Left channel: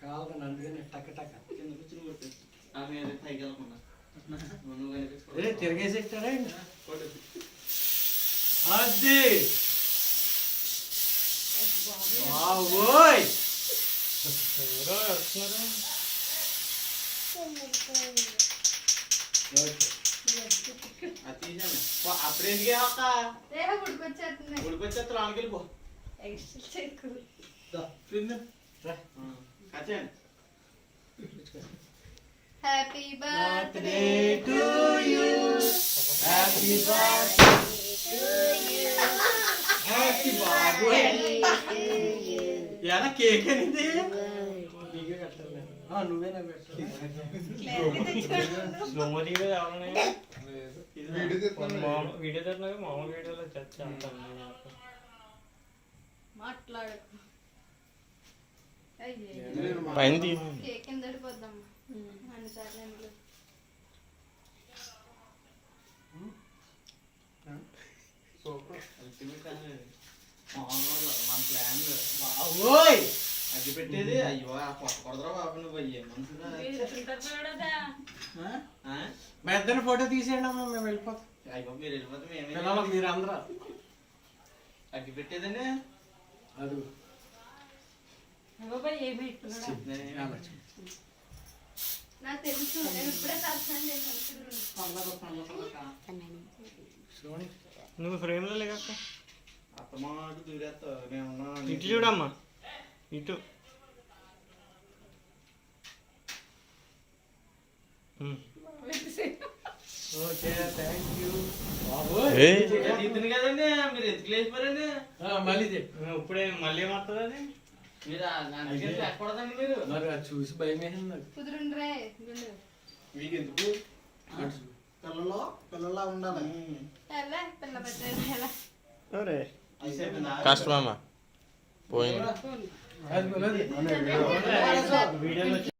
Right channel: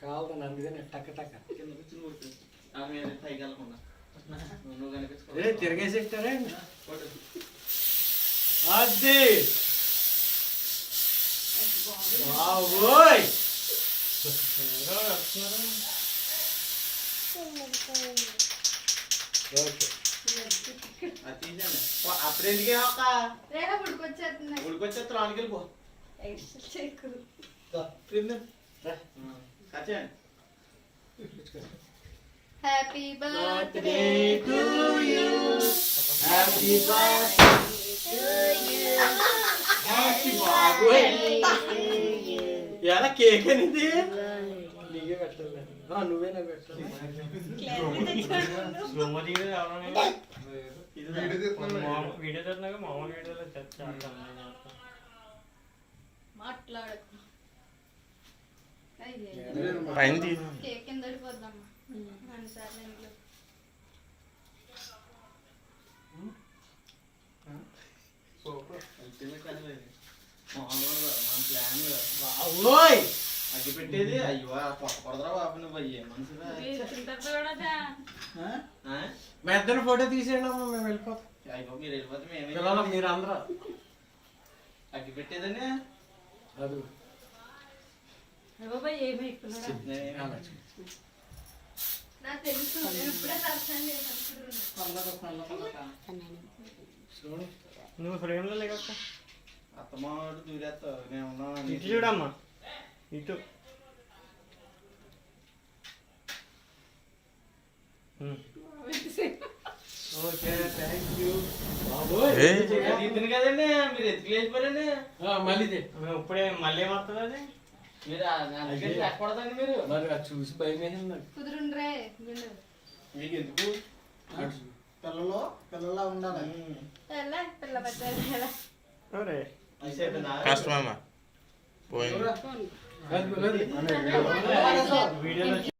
కావాలి అందుకని టక్క టక్క తిరిగేసి ఎక్కారా అది బాబోయ్ అప్పుడు ఎందుకే ఉడికొచ్చేస్తా లోనికి వెళ్ళిపో happy birthday to you happy birthday happy birthday ఎలా కేక్ అనేది నీకే కట్టాలి నువ్వేనా పెట్టాలి వీడియో తిన్నాక మామూలు వీడియోలో చేస్తాను మాట్లాడు కేక్ కింద పడిపోద్దమ్మా అన్నిసార్లు ఇంట్లో అగ్గి పెట్టేది అయ్యో కొడదరా బాబు నువ్వు అయ్యే పెద్దని ఫోటో తీసేయండి అమ్మా మేము వెళ్ళిపోతాం అయ్యో మీరు వెళ్ళిపోతే మీరు అందరూ అగ్గి పెట్టేదని అది నాకు తెలుసు నేను ఇప్పుడే పరిచయం చేశాను నువ్వు ఫ్రేమ్లో లేక అత్తమాటు దూరేస్తారు నేను ఇటు చూడమ్మా ఇటు ఓకే థ్యాంక్ యూ ఇతను కదండి మీరు ఎత్తుకు లేచిపోరండి మళ్ళీ ఇప్పుడే మళ్ళీ ఏమవుతుంది అది మీరు అందుకే లేకూడదండి మీరు మరి అది చూసి భయం వేసింది నాకు కుదురుండ్రే మీకు ఎందుకు పిల్లలా ఉండాలి పిల్ల పెట్టాలి కష్టమమ్మా పోయింది అది వీడియోలో